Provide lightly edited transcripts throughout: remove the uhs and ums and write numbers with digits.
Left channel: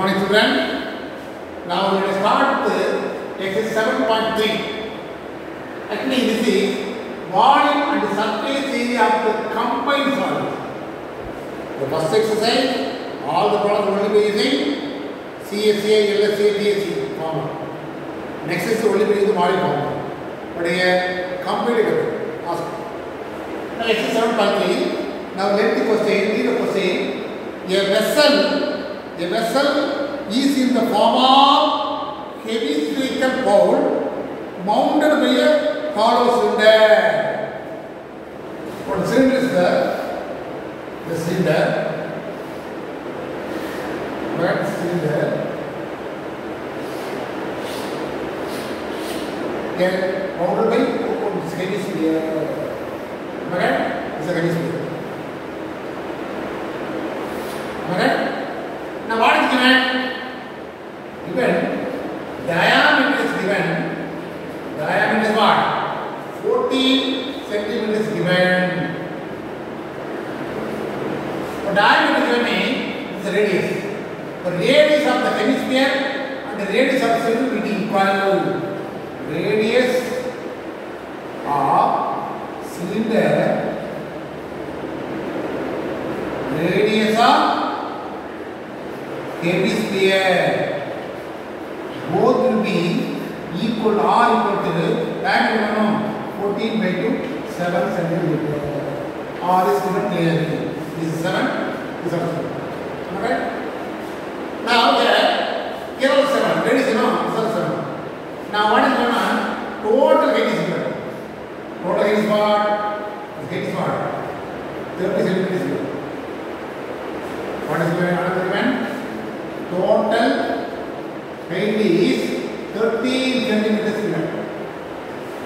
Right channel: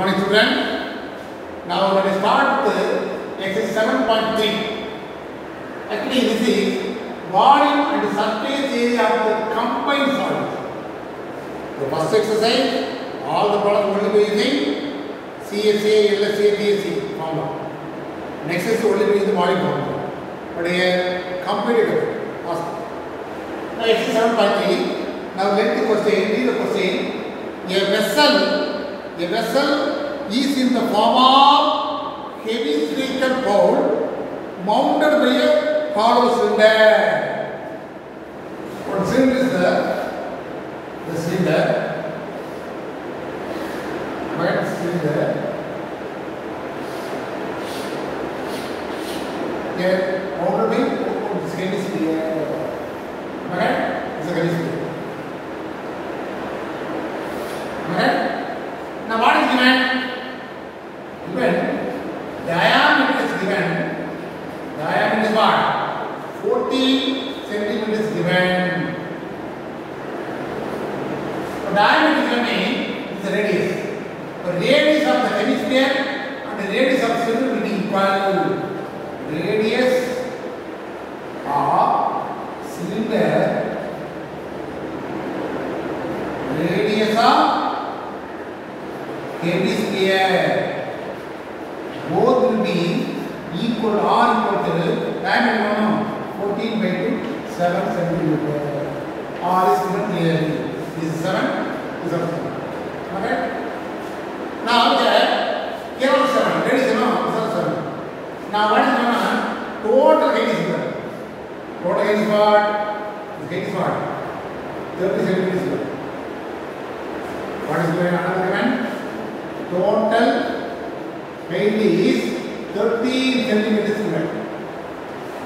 morning, children. Now let us start exercise 7.3. Actually, this is volume and surface area of the combined solid. The first exercise, all the products only be using CSA, LSA, DSA formula. Next is only be using the volume formula. But here, complete it. Ask. Now exercise 7.3. Now let the question, read the question. A vessel is in the form of heavy spherical bowl mounted by a hollow cylinder. What cylinder is the cylinder? Right, cylinder. Then mounted by heavy sphere. Right? It's a heavy sphere. Okay? Now what is given? Given diameter is given. Diameter is what? 40 centimeters given. The diameter given is the radius. The radius of the hemisphere and the radius of the cylinder will be equal. Radius of cylinder, radius of hemisphere, both will be equal or equal to diameter 14 by 2, 7 centimeters. R is given clearly. This is 7, this is 7. Okay? Now here also 7. Radius is 7. Now what is going on? Total height is given. Total height is what? Height is what? 30 centimeters given. What is going on? Total height is 30 centimeters given.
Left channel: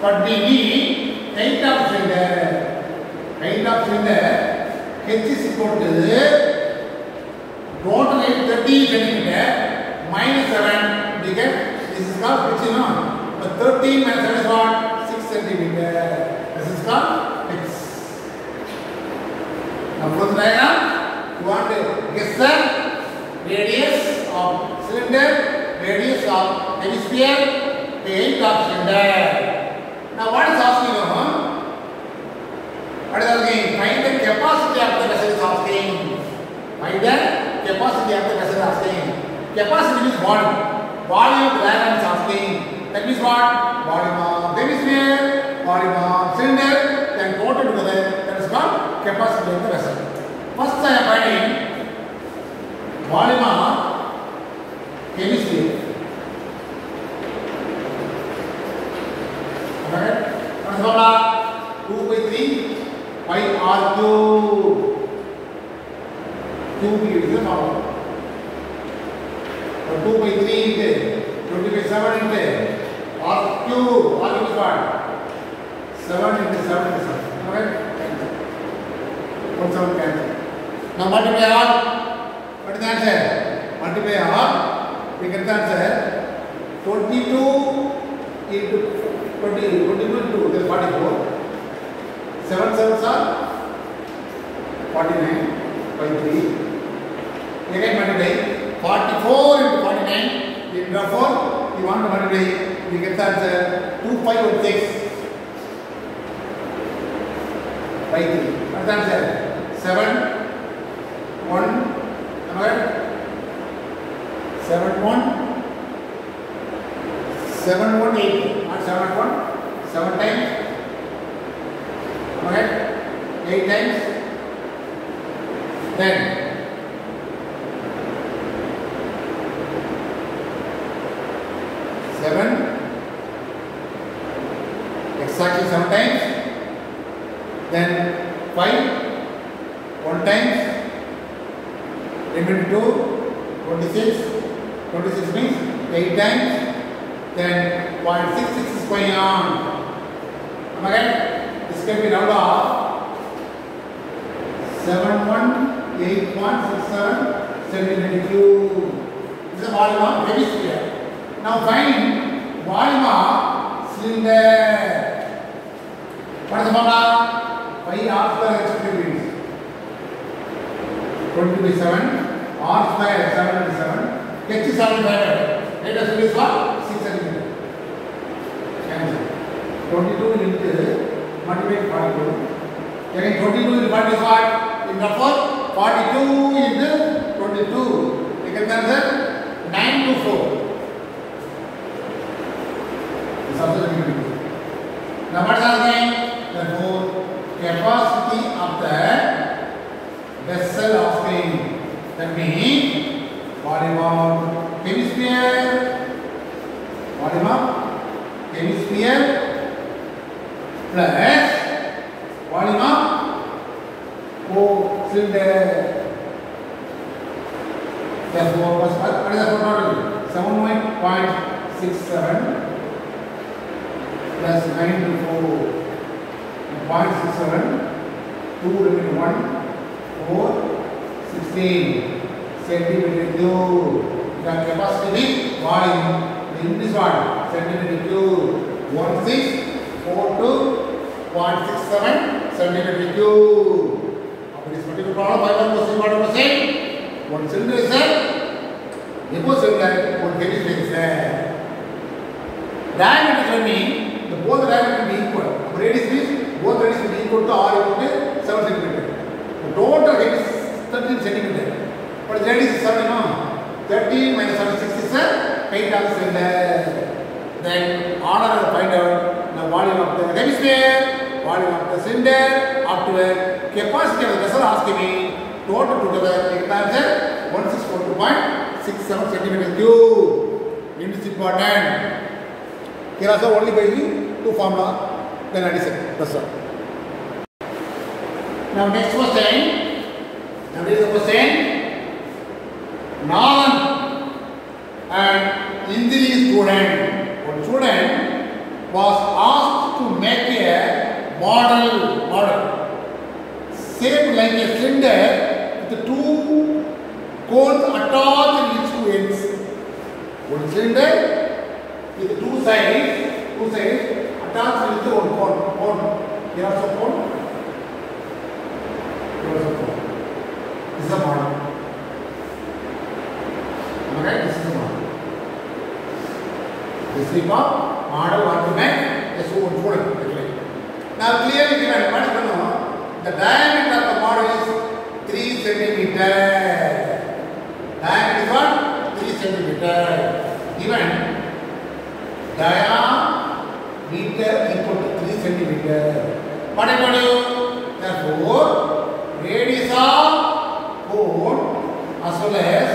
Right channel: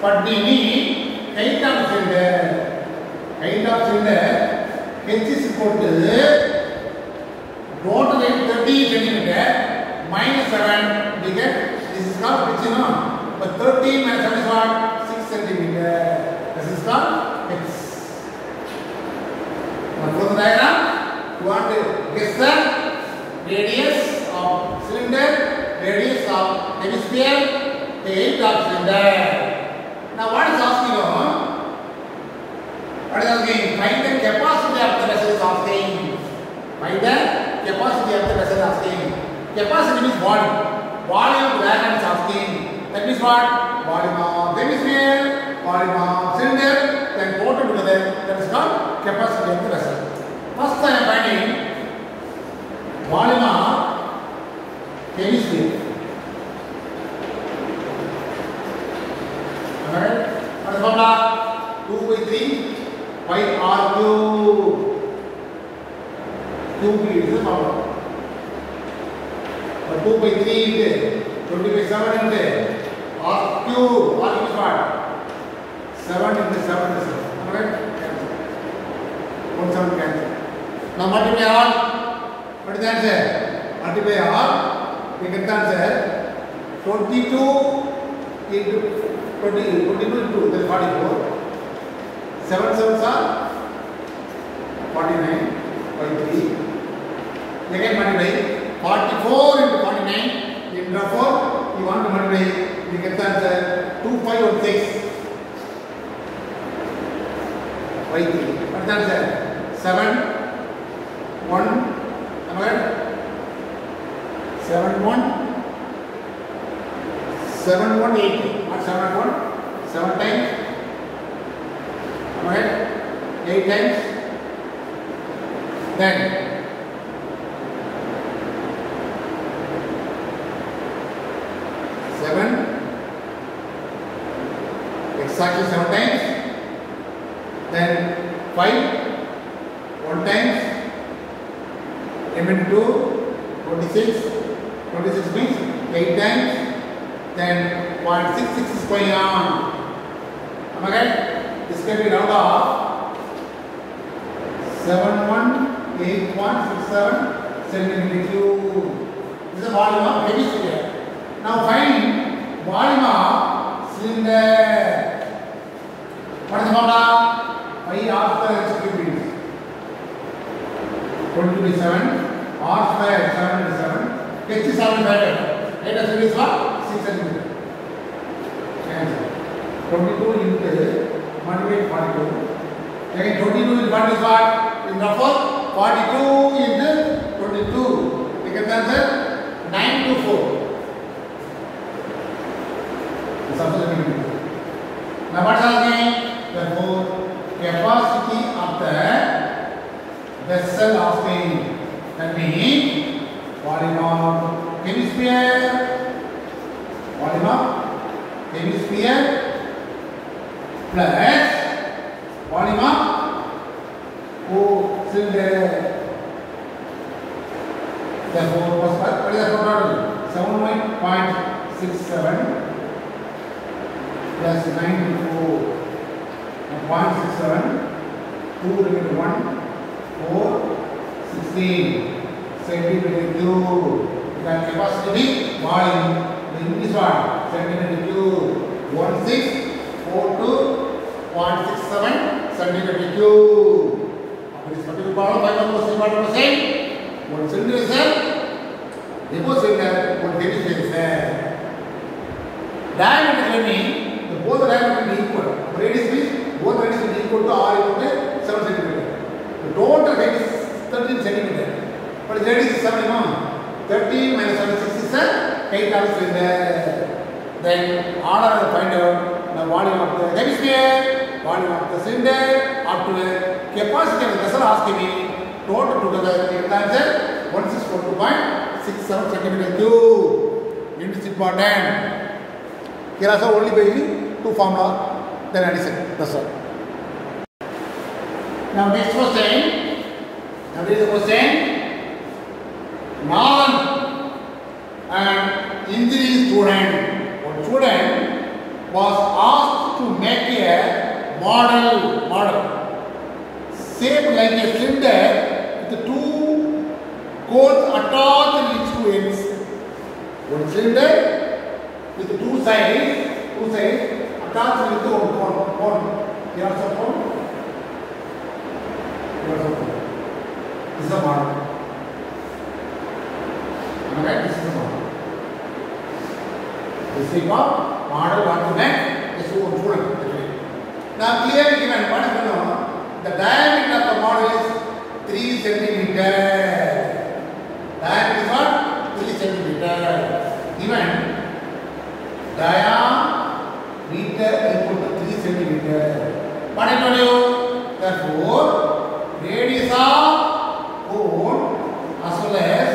But we need height of cylinder. Height of cylinder h is equal to total height 30 centimeter minus 7. We get this is called which but 13 minus 7 is what? 6 centimeter. This is called h. Now from the diagram, you want to guess the radius of cylinder, radius of hemisphere, the height of cylinder. Now what is asking? What is asking? Find the capacity of the vessel is asking. Find the capacity of the vessel is asking. Capacity means volume. Volume of the diagram is asking. That means what? Volume of hemisphere, volume of cylinder, then total together. That is called capacity of the vessel. First I am finding volume of hemisphere. Alright? What is the formula? 2 by 3 pi r cube. 2 is the formula. So 2 by 3 into 20 by 7 into r cube. R cube is what? 7 into 7 into 7. Alright? 1 7 cancel. Now multiply all. What is the answer? Multiply all. We get the answer 22 into 22 into that is 44. 7 7s are 49 by 3. Again multiply 44 into 49. Therefore, you want to multiply. We get the answer 2516 by 3. What is the answer? 7 1. 7 1 7 1 8. Not 7 1. 7 times. Alright. 8 times. Then 7 exactly 7 times. Then 5 1 times. Remaining 2 26. 26 means 8 times. Then 0.66 is going on. Am I right? This can be rounded off. 71.8.67 centimeter cube. This is the volume of hemisphere. Now find volume of cylinder. What is the formula? Pi r square h cube means 20 by 7. R square 7 into 7. H is 75. Height of cylinder is what? 6 centimeter. Answer. 22 into multiplied 42. Again 22 into 1 is what? In roughly 42 into 22. You can answer 9 to 4. This also the big. Now what is asking? Therefore, capacity of the vessel asking. That means volume of hemisphere plus volume of cylinder. Therefore, what is the total? 7.67 plus 94 and 0.67, 2 remaining 1, 4, 16 centimeter cube. The capacity volume in this one centimeter cube 1642.67 centimeter cube. After this particular problem, 5%. One cylinder is there. Depot cylinder, one hemisphere is there. Diameter means the both diameter will be equal. Radius means both radius will be equal to or equal to 7 centimeter. The total height is 13 centimeter. But the radius is 7 mm. 13 minus 7 is 6 is 8 of cylinder. Then order will find out the volume of the hemisphere, volume of the cylinder, up to the capacity of the vessel asking me total together. It answer 1642.67 centimeter cube. It is important. Here also only by two formula, then addition. That's all. Now next question. Now this is the question. Non and engineering student. One student was asked to make a model shaped like a cylinder with two cones attached in its two ends. One cylinder with two sides attached with one cone. Here also cone. Here also cone. This is a model. Alright, this is the model. This is called model want to make a student. Now clearly given what is going on? The diameter of the model is 3 centimeter. Diameter is what? 3 centimeter. Given diameter equal to 3 centimeter. What I told you? Therefore, radius of cone as well as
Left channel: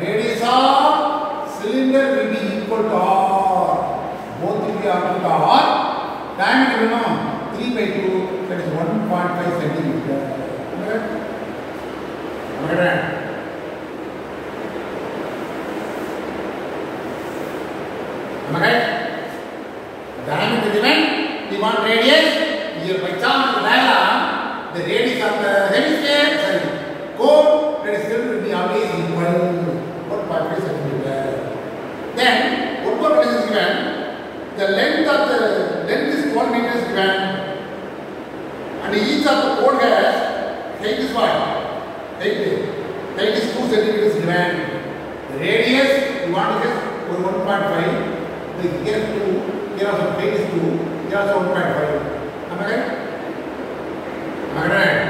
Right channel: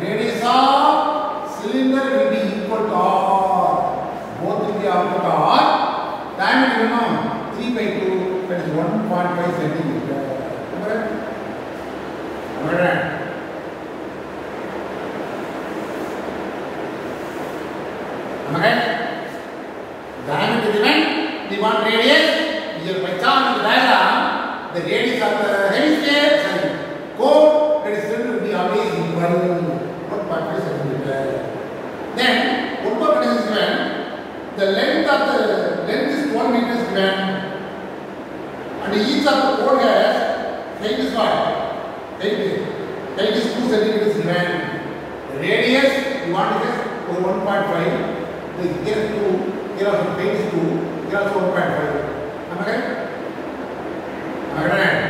radius of cylinder will be equal to R. Both will be equal to R. Diameter will know 3 by 2, that is 1.5 centimeter. Alright. Diameter is given. We want radius. Here by chance in the diagram, the radius of the hemisphere cone, that is cylinder will be always equal 1.5 centimeter. Then one more is given. The length is 12 meters given, and each of the cone has height is what? Height is 2 centimeters given. The radius you want to get 1.5. The here 2, here also height is 2, here also 1.5. Am I right? Right.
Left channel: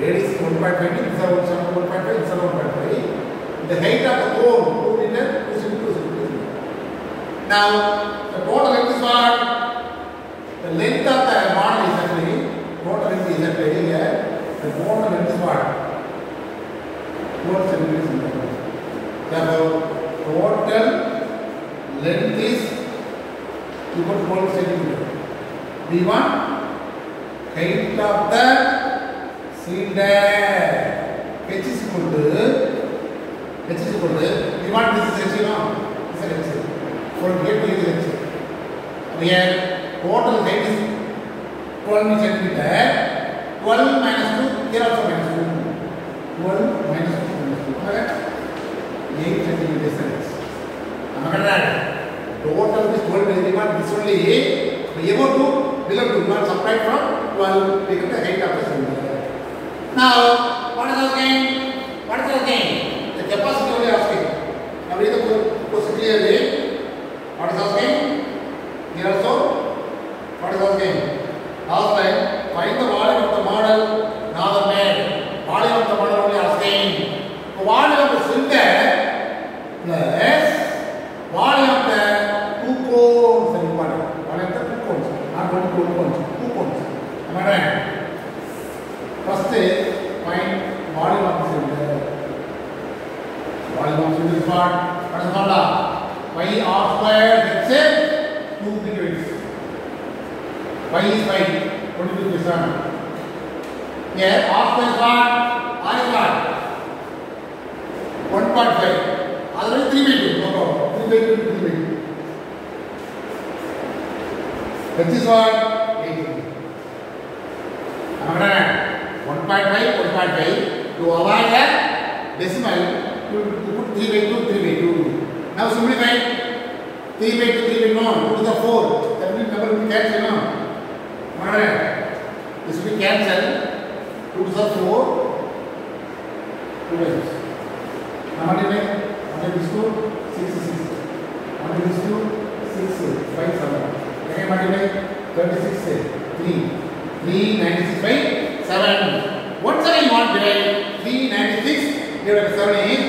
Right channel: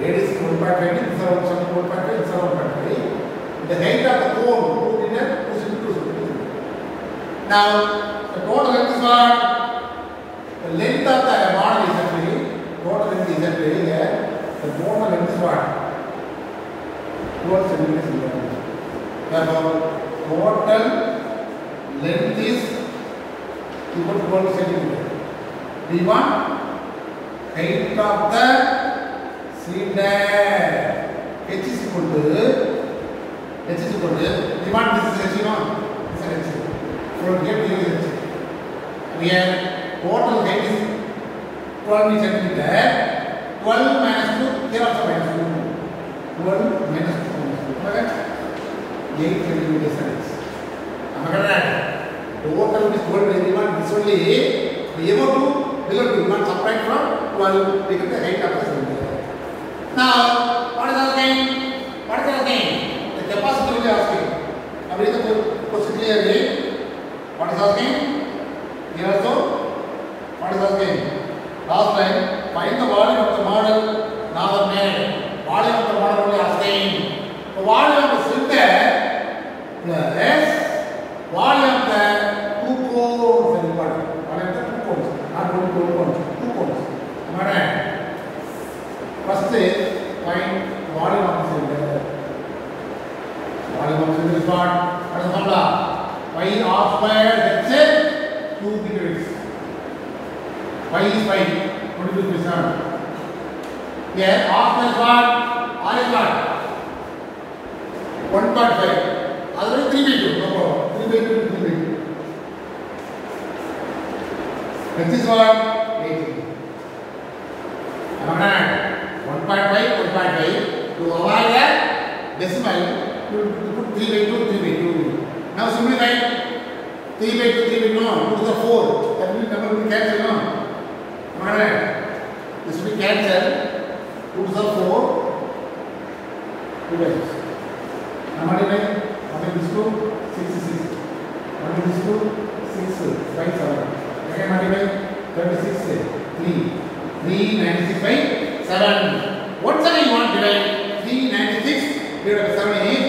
Radius is 1.5, this is 1.5, this is 1.5. The height of the cone 2 meters, 2 centimeters. Now, the total length is what? The length of the model is actually, total length is actually here. The total length is what? 12 centimeters. Therefore, total length is equal to 12 centimeters. We want height of the cylinder. H is equal to, we want this is H, this is H. For get to this, we have total height is 12 centimeter. 12 minus 2, here also minus 2. 12 minus 2. 8 centimeter distance. Total is 12 everyone. This only above 2, below 2. You want subtract from 12, become the height of the cylinder. Now, what is our gain? The capacity only asking. clearly. What is asking? Here also, what is asking? Last line, find the volume of the model now made. Volume of the model only asking. The volume of the cylinder plus volume of the two cones. Volume of the two cones. Not only two cones. Two cones. Am I right? First, find volume of the cylinder. Volume of the cylinder is what? What is the formula? Pi r squared, let's say 2 degrees. Pi is pi, 22%. Here, r squared is what? R is what? 1.5. Otherwise 3 by 2, no problem. 3 by 2, 3 by 2. H is what? 8. Am I right? 1.5, 1.5. To avoid that decimal, you put 3 by 2, 3 by 2. Now simplify 3 by 2, 3 by 2, no, 2 to the 4. That means number will be cancelled, no? Alright. This will be cancelled. 2 to the 4. 2 by 6. Now multiply. 1 is 2, 6 is 6. 1 is 2, 6, 5, 7. Again multiply. 36, 3. 396 by 7. What side you want to divide? 396 divided by 7 is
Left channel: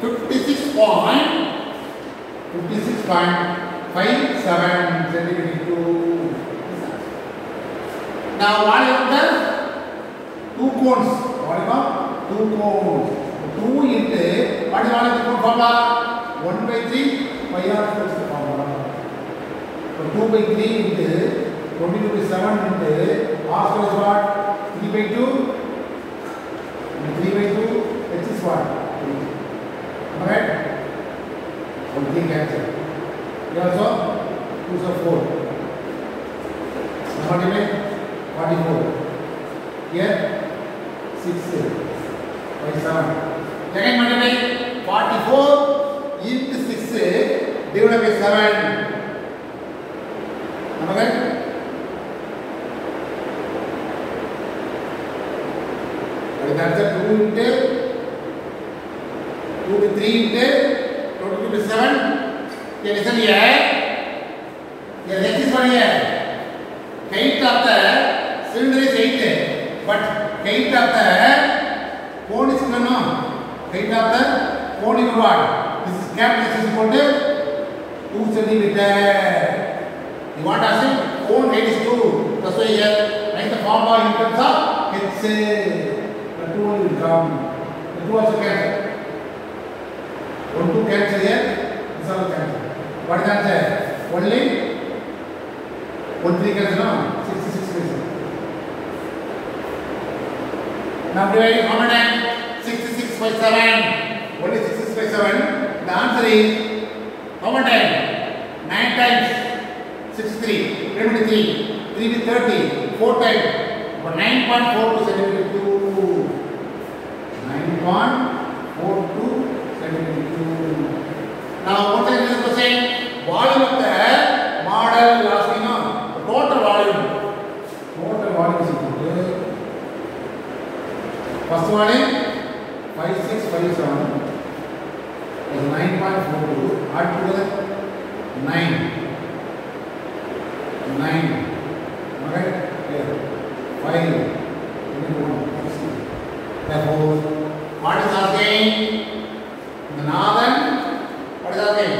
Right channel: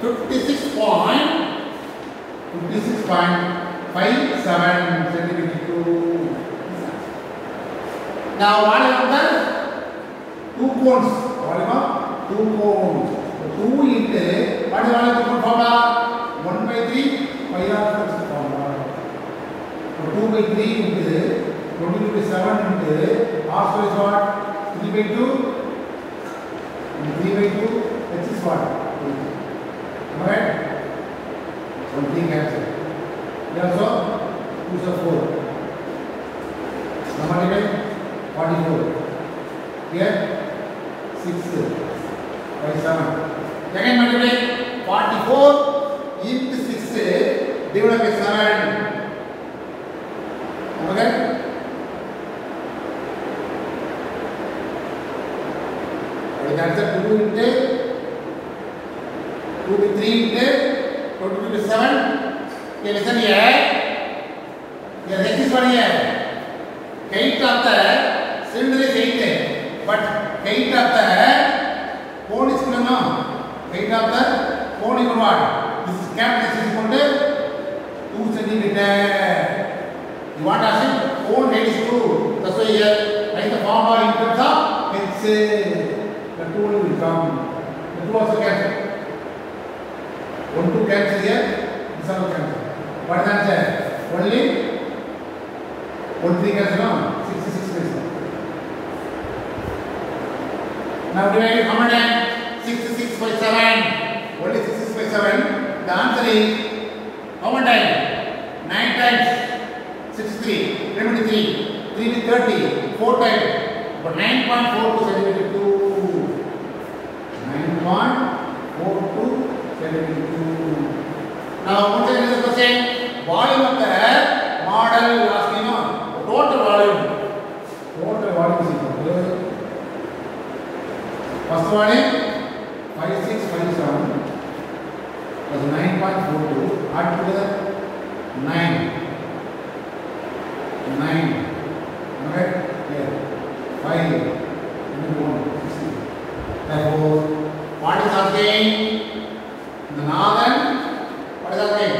56.57 centimeter cube. Now what is the two cones? Volume of two cones. 2 into what is volume of the cone formula? 1 by 3 pi r squared is the formula. So 2 by 3 into 22 by 7 into r squared is what? 3 by 2 and 3 by 2 h is what? 8. Am I right? 1 3 cancel. Here also 2 is 4. Now multiply 44. Here 6 by 7. Again multiply 44 into 6 divided by 7. Am I right? What is the answer? 2 into 2 to 3 into 22 to 7. Okay, listen here. Here, next is what here? Height of the cylinder is 8, but height of the cone is no. Height of the cone is what? This is cap. This is equal to 2 centimeter. You want to ask it? Cone height is 2. That's why here write the formula in terms of h. The 2 will come. The 2 also cancel. 1 2 cancel here. This also cancel. What is the answer? Only 1 3 cancel now. 66 cancel. Now divide how many? 66 by 7. Only 66 by 7. The answer is how many times? 9 times 63. Remember 3. 3 is 30. 4 times. But 9.42 centimeter cube. 9.42 centimeter cube. Now, once again, this question, volume of the model, you ask me, no, the total volume. Total volume is equal to first volume 5657 plus 9.42, add together 9. Alright? Here. 5 into 1, 60. Therefore, what is asking? The northern, what is asking?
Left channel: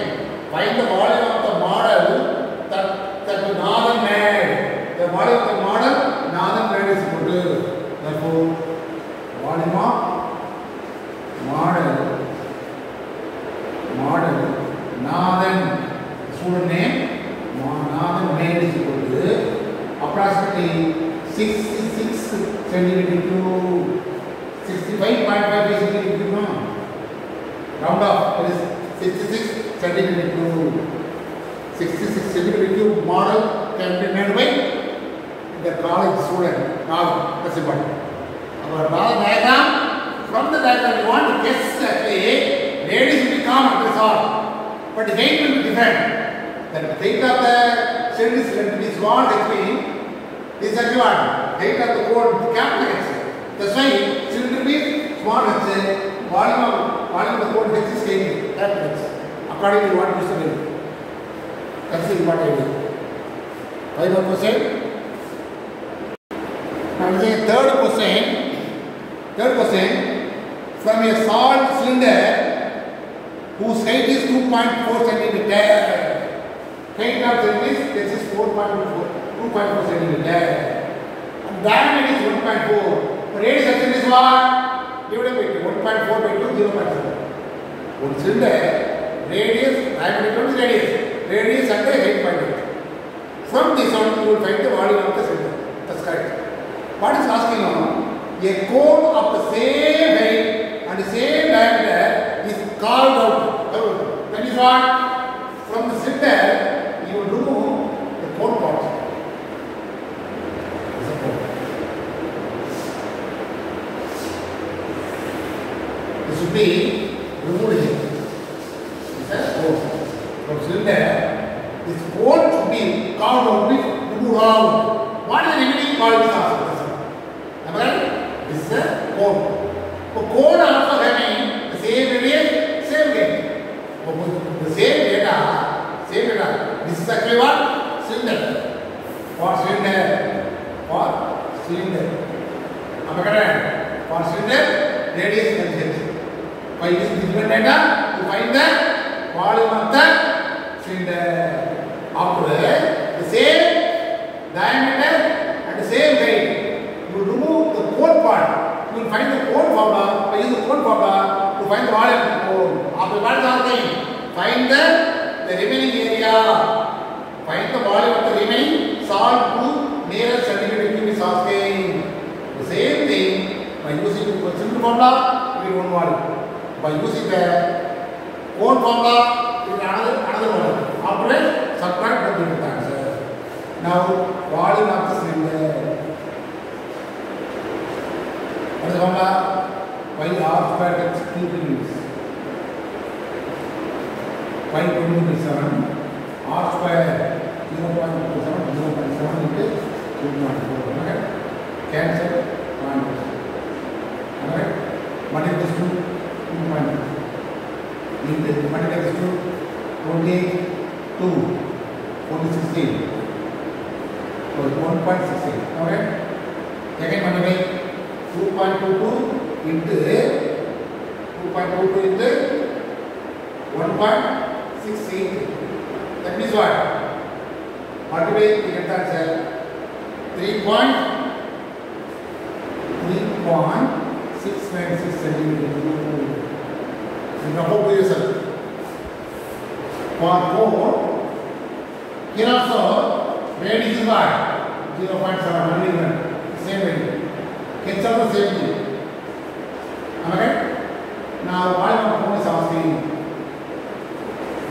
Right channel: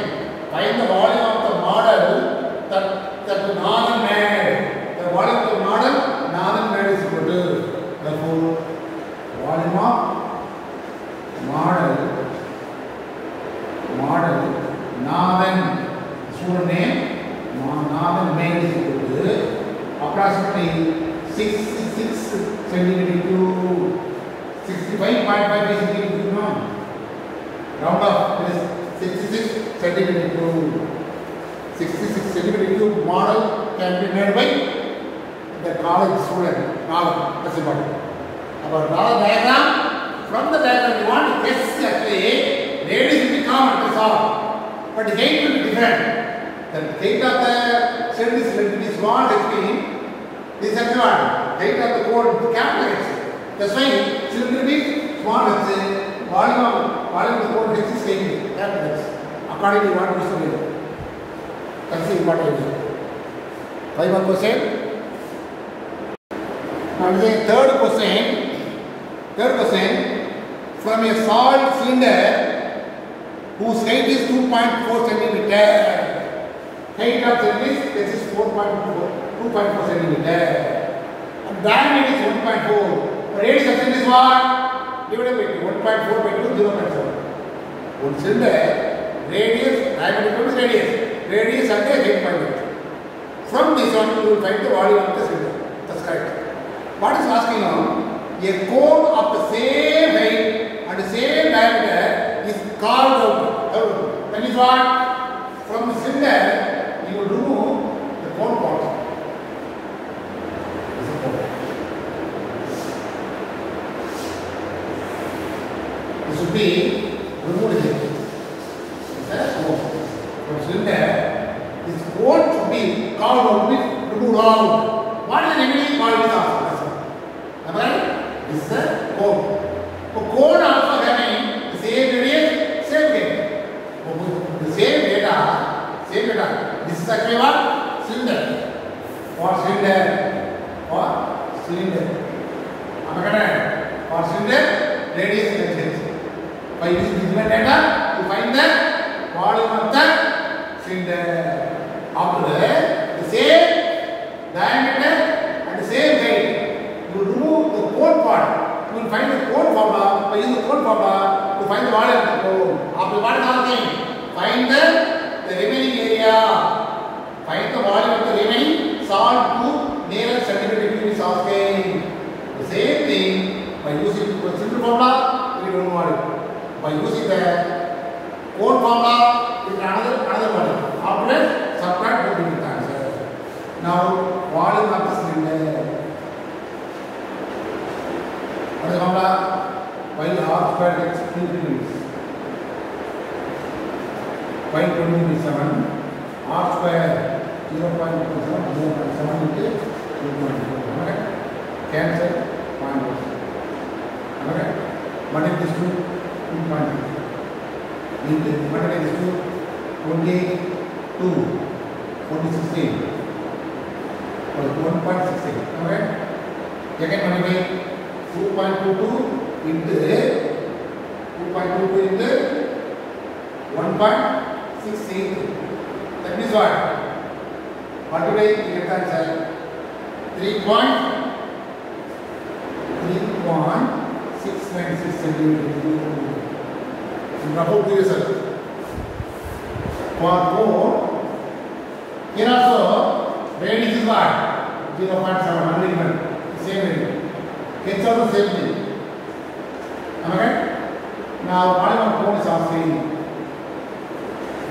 Find the volume of the model that the northern made. The volume of the model northern made is equal to. Therefore, volume of model northern student name northern made is equal to approximately 66 centimeter cube. 65.55 centimeter cube. No? Round off. It is 66 centimeter cube. 66 centimeter cube model can be made by the college student. Now, that's important. Our diagram. From the diagram, we want to guess actually radius will be common. That's all. But the height will be different. The height of the cylinder is what between this is what height of the cone capital H. That's why cylinder will be small h. Volume of the cone H is capital H. Accordingly, what you should do? That's the important idea. Why one question? Now the third question. From a salt cylinder whose height is 2.4 centimeter. Height of cylinder is 2.4 centimeter. And diameter is 1.4. Radius of cylinder is what? Divided by 1.4 by 2, 0.7. One cylinder, radius, diameter is radius. Radius and the height by 2. From this one, you will find the volume of the cylinder. That's correct. What is asking now? A cone of the same height and the same diameter is carved out. That is what? From the cylinder, you will remove the cone part. This should be removed here. This is cone. From cylinder, this cone should be carved out with removed out. What is the remaining part of this after? Alright? This is a cone. So cone also having the same radius, same height. The same data. This is actually what? Cylinder. For cylinder. For cylinder, radius and height. By this given data, you find the volume of the cylinder. After the same diameter and the same height, you remove the cone part. You will find the cone formula. By using the cone formula, to find the volume of the cone. After what is happening? Find the remaining area. Find the volume of the remaining solve to nearest centimeter cube is asking. The same thing by using the simple formula, we don't volume. By using the cone formula, we get another volume. After that, subtract the different answer. Now, volume of the cylinder. What is the formula? Pi r square x 2 minutes. Pi 20 is 7. R square 0.7 into 2.4. Okay? Cancel 0.4. Okay? Multiply this to 2.4. Multiply this to 22. 16. So 1.16. Okay? Again multiply 2.22 into 1.68. That means what? Multiply, you get that answer. 3.696 centimeters. And double the result. For 4, here also, radius is what? 0.7, 1 mm. Same radius. It's also the same thing. Am I right? Now, volume of cone is asking.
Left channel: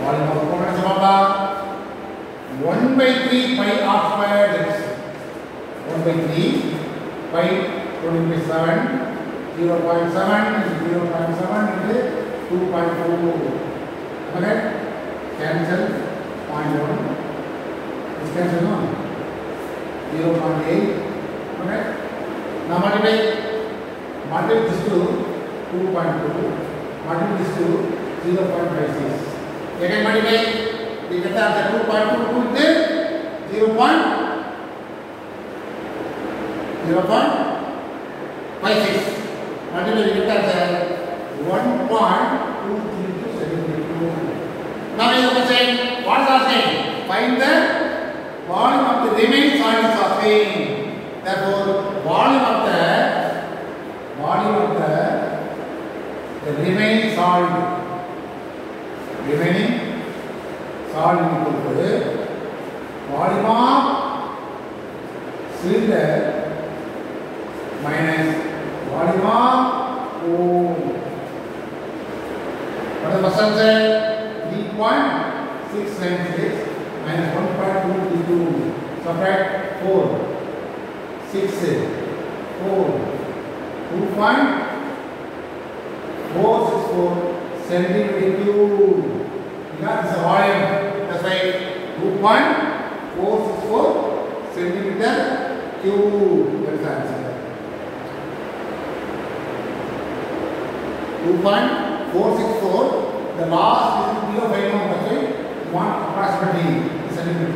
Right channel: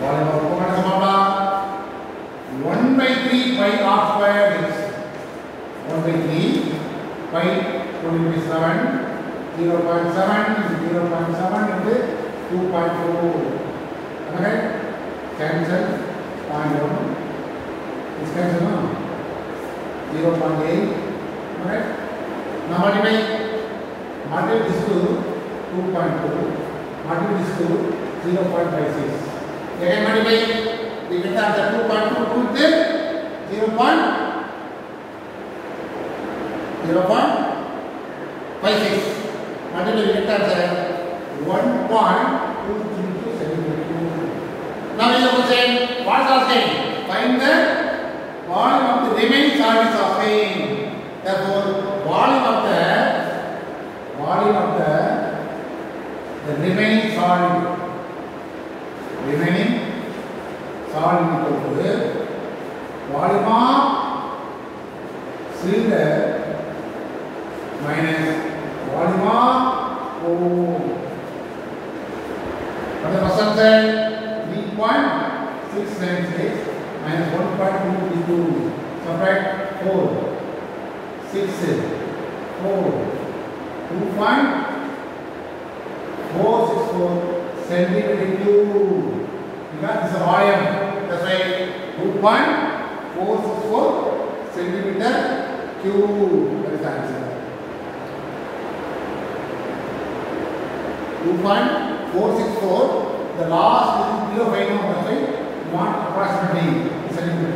Volume of cone is about 1 by 3 pi r square. That is 1 by 3 pi 27. 0.7 is 0.7 into 2.4. Am I right? Cancel 0.1. This cancel no? 0.8. Am I right? Now multiply this to 2.2, multiply this to 0.56. Again multiply, we get the answer 2.22 into 0.56. Multiply, we get the answer 1.232 centimeters. Now in the question, what is asking? Find the volume of the remaining solid is asking. Therefore, volume of the remaining solid equal to volume of cylinder minus volume of cone. What is the first answer? 3.696 minus 1.232. Subtract 4. 6, 4, 2.464 centimeter cube. Because this is a volume. That's right. 2.464 centimeter cube. That is the answer. 2.464 the last is below 5 now, that's why you want approximately centimeter.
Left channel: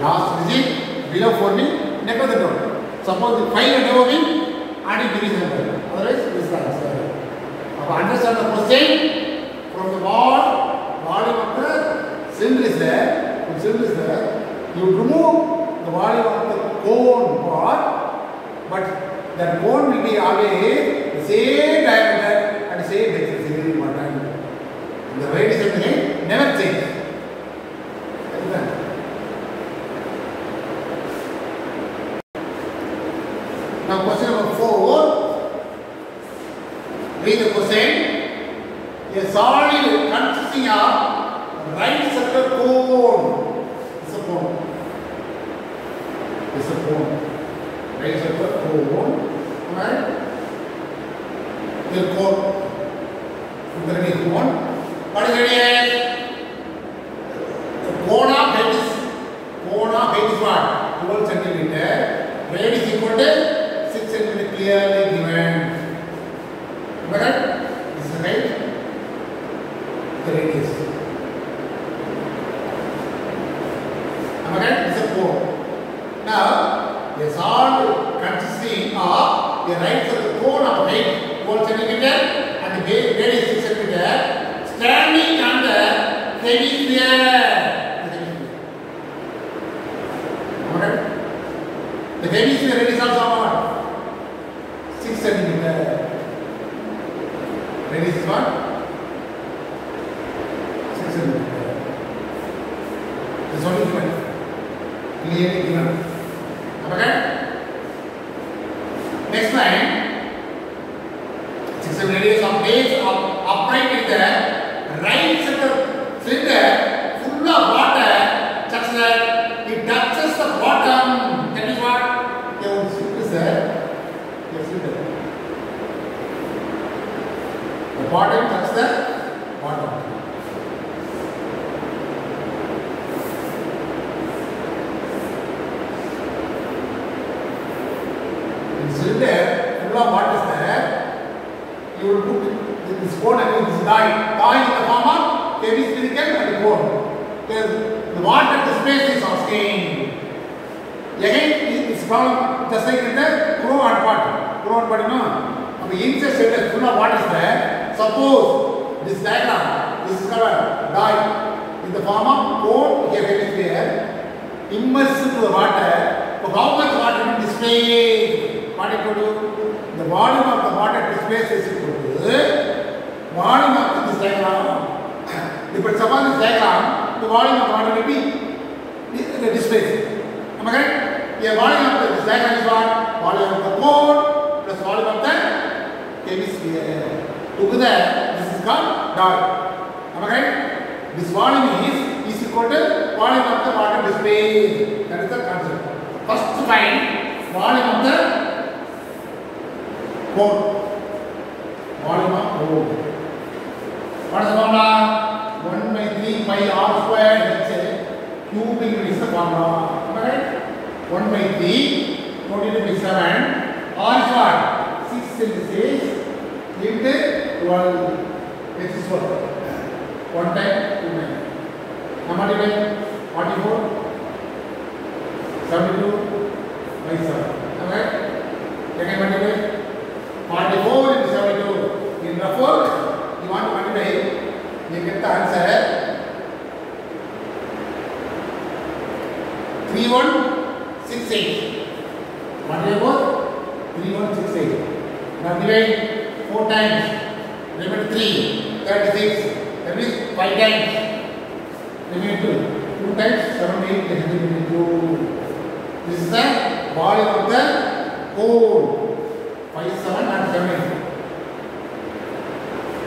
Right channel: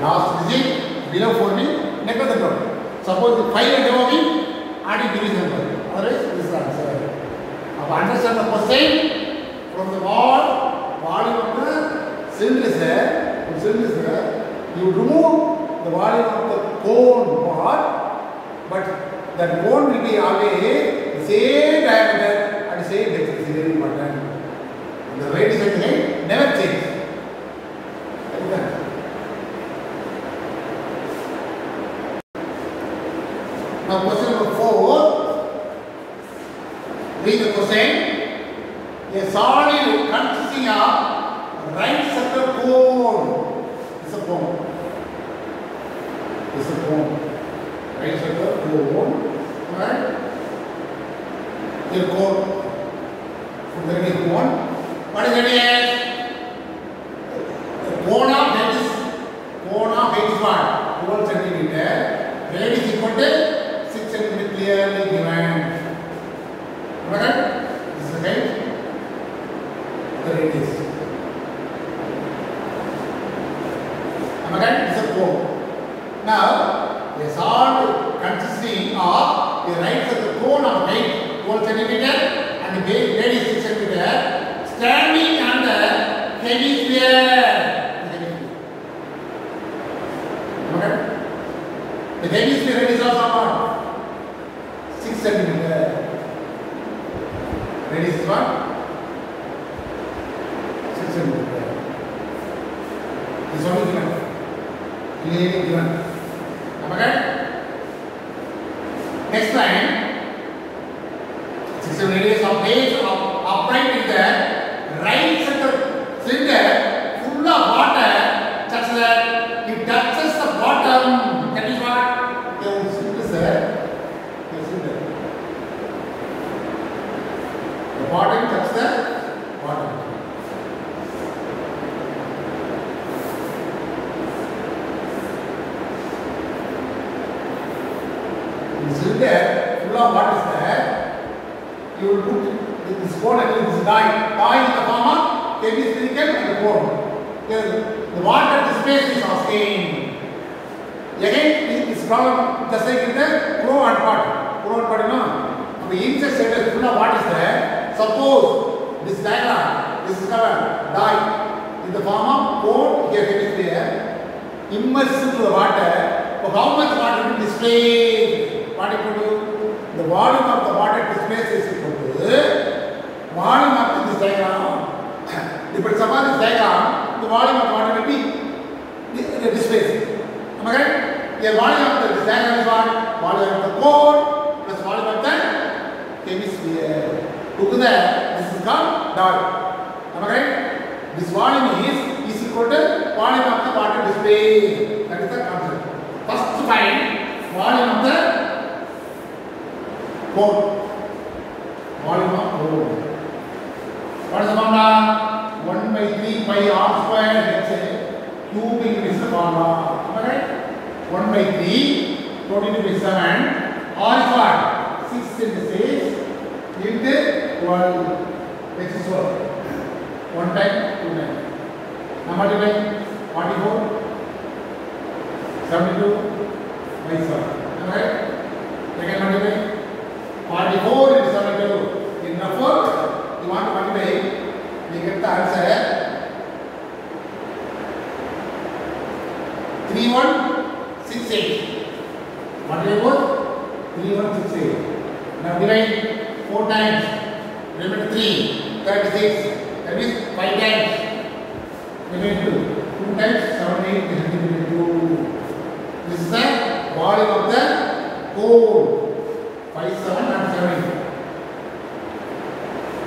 Last digit below 4 means never the total. Suppose 5 and above means adding division number. Otherwise, this is the answer. Now understand the question from the volume of the cylinder is there. From cylinder is there, you remove the volume of the cone part, but that cone will be always the same diameter and the same depth. It is very important. The radius of the head never changes. Now question number 4. Read the question. A solid consisting of right circle cone. It's a cone. It's a cone. Right circle cone. Alright? Your cone. From the ready cone. What is radius? The cone of height is what? 12 centimeter. Radius equal to 6 centimeter clearly given. Right? This is height. The radius. Am I right? This is a cone. Now, a solid consisting of a right circle cone of height 12 centimeter and the radius 6 centimeter standing on the hemisphere. Am I right? The hemisphere radius also what? 6 centimeter. Radius is what? 6 centimeter. This is what is given. Clearly given. Okay? Next line. 6 radius of base of upright in the right center cylinder full of water such that it touches the bottom. That is what? The cylinder there. The cylinder. The bottom touches the bottom. Cylinder full of what is there, you will put this cone against this die in the form of hemispherical and cone. The water displays is asking. Again, this problem just like in the crow and part. Crow and part, you know, the inside cylinder full of what is there. Suppose this diagram, this is called die in the form of cone here hemisphere, immersed into the water. So how much water will display? What equal to the volume of the water displaced is equal to volume of this diagram. If it's upon this diagram, the volume of water will be displaced. Am I right? The volume of this diagram is what? Volume of the cone plus volume of the hemisphere. Together, this is called dot. Am I right? This volume is equal to volume of the water displaced. That is the concept. First find volume of the cone. Volume of cone. What is the formula? 1 by 3 pi r square. Let's say cubing is the formula. Am I right? 1 by 3, 14 by 7. R is what? 6 into 6 into 12. Which is what? 1 time 2 times. Now multiply 44, 72 by 7. Am I right? Second multiply 44 into 72. In number 4, you want to multiply, you get the answer 3168. Multiply 4, 3168. Now divide 4 times, remainder 3, 36. That means 5 times, remainder 2. 2 times 78 is 2. This is the volume of the cone. 5, 7 and 7.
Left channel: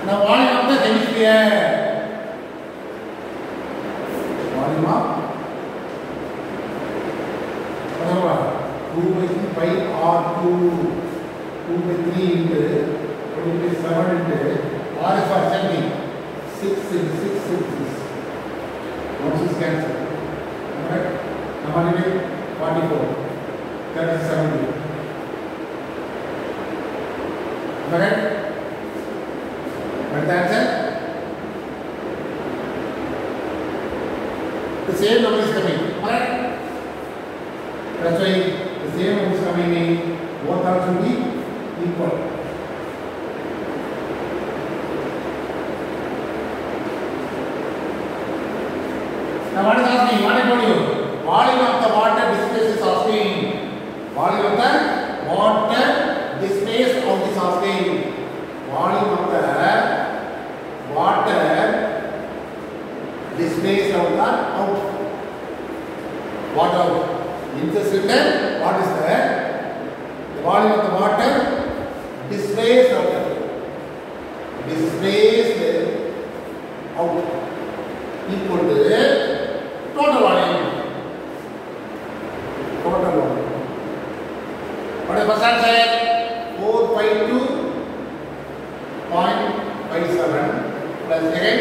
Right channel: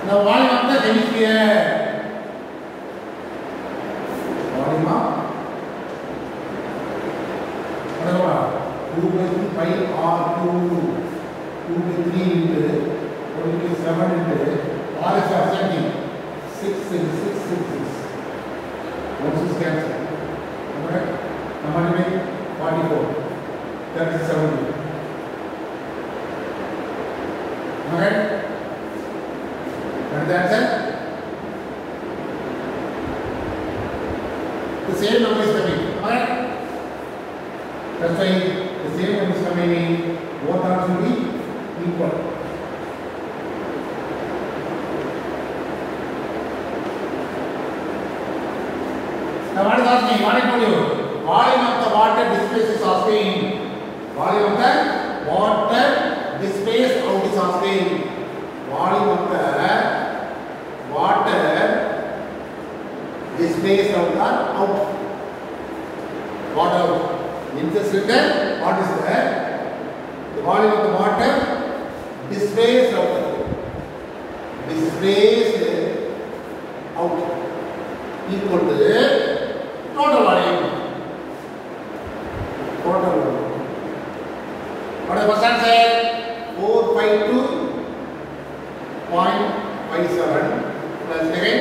Now volume of the hemisphere. Volume of whatever 2 by 3 pi r2, 2 by 3 into 2 by 7 into r is for ascending 6 into 6 into 6. Once is cancelled. Alright? Now multiply 44, 37. Alright? the answer? The same number is coming. Alright? That's why the same number is coming in both terms will be equal. Now what is asking? What I told you? Volume of the water displaced is asking. Volume of the water displaced out is asking. Volume of the water displaced out the out. Water in the cylinder. What is that? The volume of the water displaced out. Displaced out equal to total volume. Total volume. What is the first answer? 452.57 plus again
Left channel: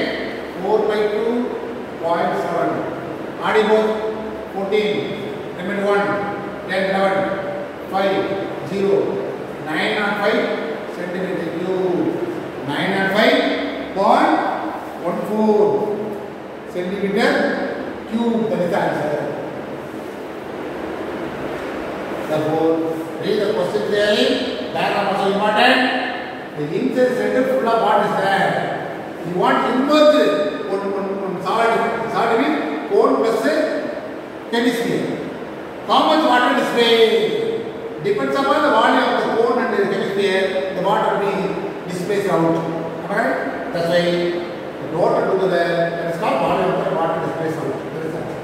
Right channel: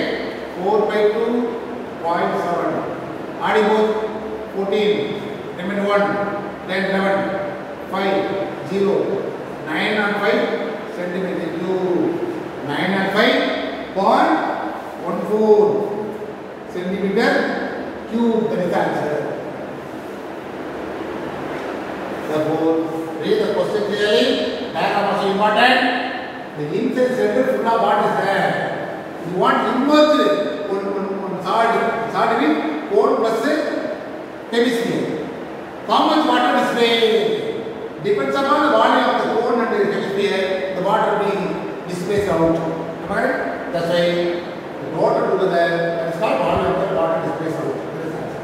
452.7. Adding both 14, limit 1, 10, 11, 5, 0, 9 and 5 centimeter cube. 9 and 5.14 centimeter cube. That is the answer. Therefore, read the question clearly. Diagram also important. The inside center full of what is there? You want immerged on solid means cone plus hemisphere. How much water displaced? Depends upon the volume of the cone and the hemisphere. The water will be displaced out. Am I right? That's why the total together, that is not volume of the water displaced out. That is the answer.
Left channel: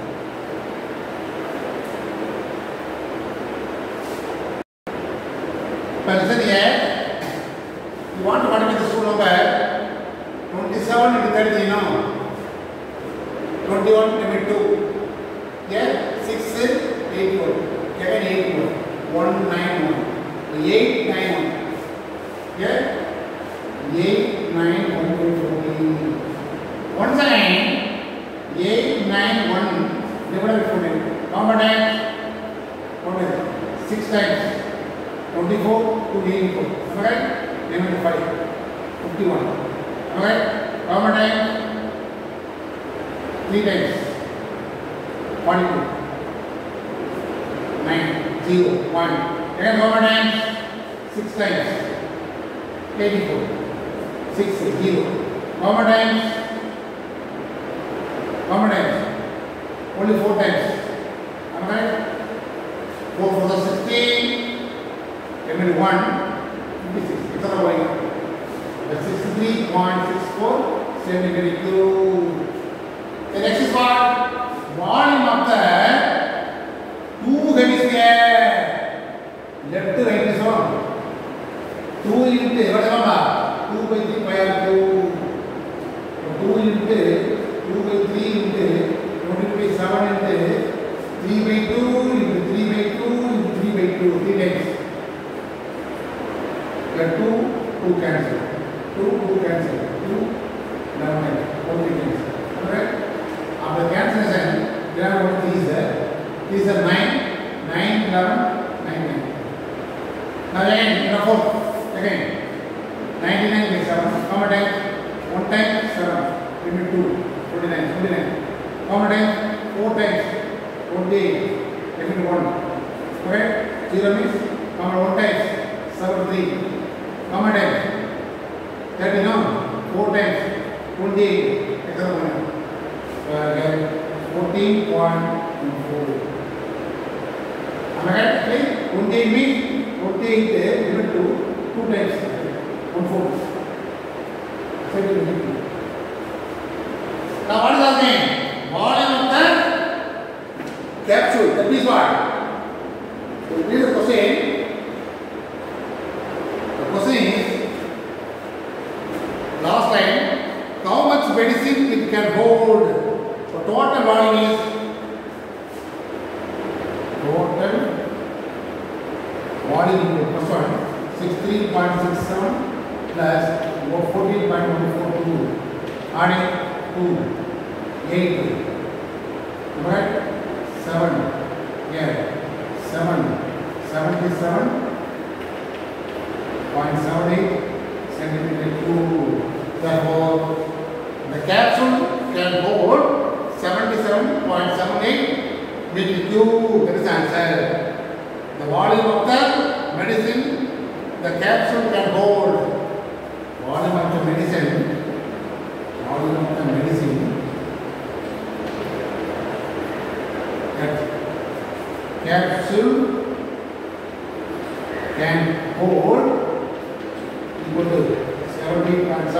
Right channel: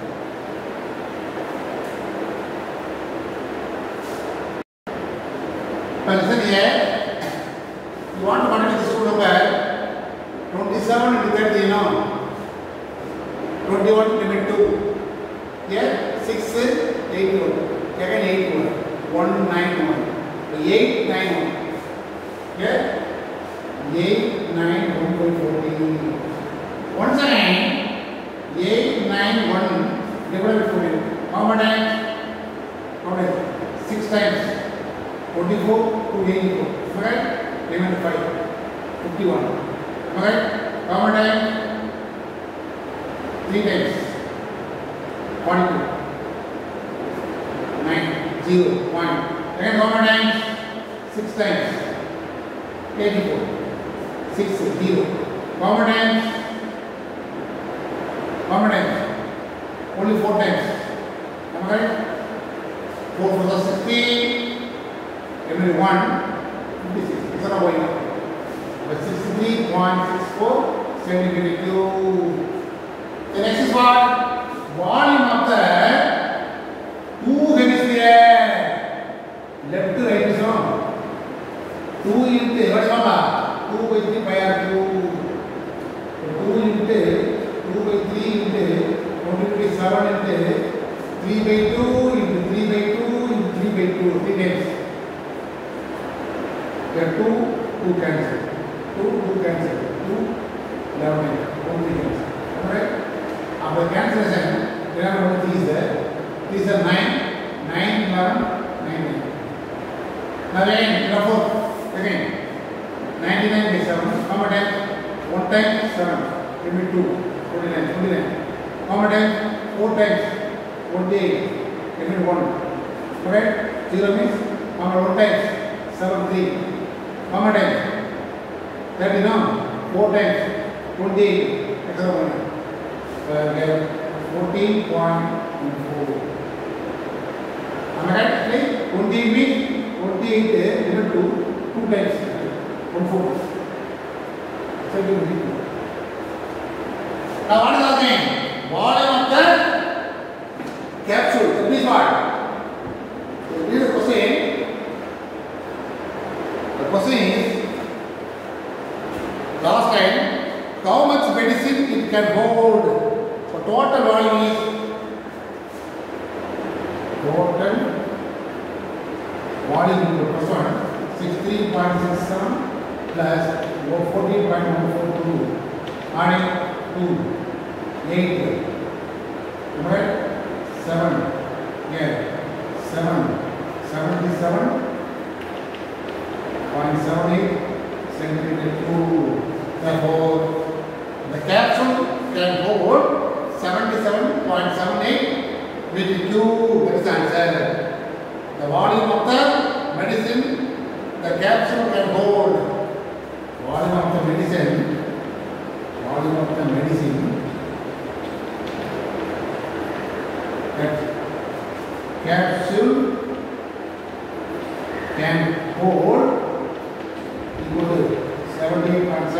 But listen here. You want to multiply this two number 27 into 30, you know. 21 limit 2. Here 6 81. Again 81. 191. 891. Here 891.14. Once again 891 divided by 14. How many times? 6 times. 24 to 84. Okay? Limit 5. 51. Okay? How many times? 3 times. 42. 9. 0. 1. Again how many times? 6 times. 84. 6. 0. How many times? How many times? Only 4 times. Am I right? 4 for the 60. Limit 1. 56. It's not going up. 63.64 centimeter cube. The next is what? Volume of the two hemisphere. Left to right is on. 2 into what is on? 2 by 3 pi r cube. 2 into 2 by 3 into 27 into 3 by 2 into 3 by 2 into 3 by 2. 3 times. Here 2 cancel. 2 cancel. 2 11 only cancel. Alright? After cancellation, there are only these there. These are 9, 9, 11, 9, 9. Now again, 4. Again, 99 by 7. How many times? 1 time 7. Limit 2. 29. 29. How many times? 4 times. 28. Limit 1. Okay? 0 means how many 1 times? 7, 3. How many times? 30 now. 4 times. 28. 14.4. Am I right? 28 means 28 limit 2 times 1/4. Now what is happening? Volume of the capsule. That means what? So read the question. The question is, last time, how much medicine it can hold? So total volume is total volume into first one 63.67 plus 14.142 adding 2 8 right 7 yeah 77.78 centimeter cube. Therefore 7.78 BTQ. That is the answer. The volume of the medicine the capsule can hold. Volume of the medicine. Volume of the medicine. That capsule can hold equal to 17.7,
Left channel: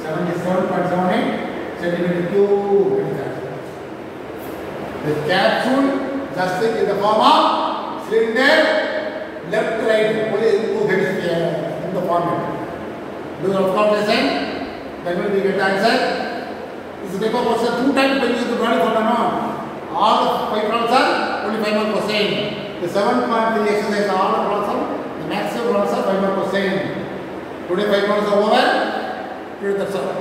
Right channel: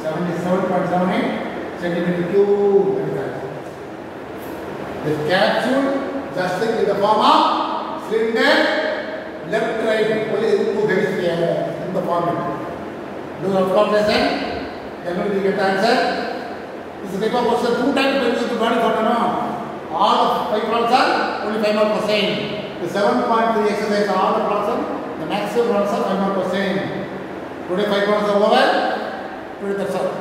77.78 centimeter cube. That is that. The capsule just in the form of cylinder, left, right, only two hemisphere in the format. Do you have comprehension? Then we get the answer. This is the paper question 2 times when you use the body formula. All 5 problems are only 5 more percent. The 7.3 exercise are all the problems. The maximum problems are 5 more percent. Today 5 problems are over. Today that's all.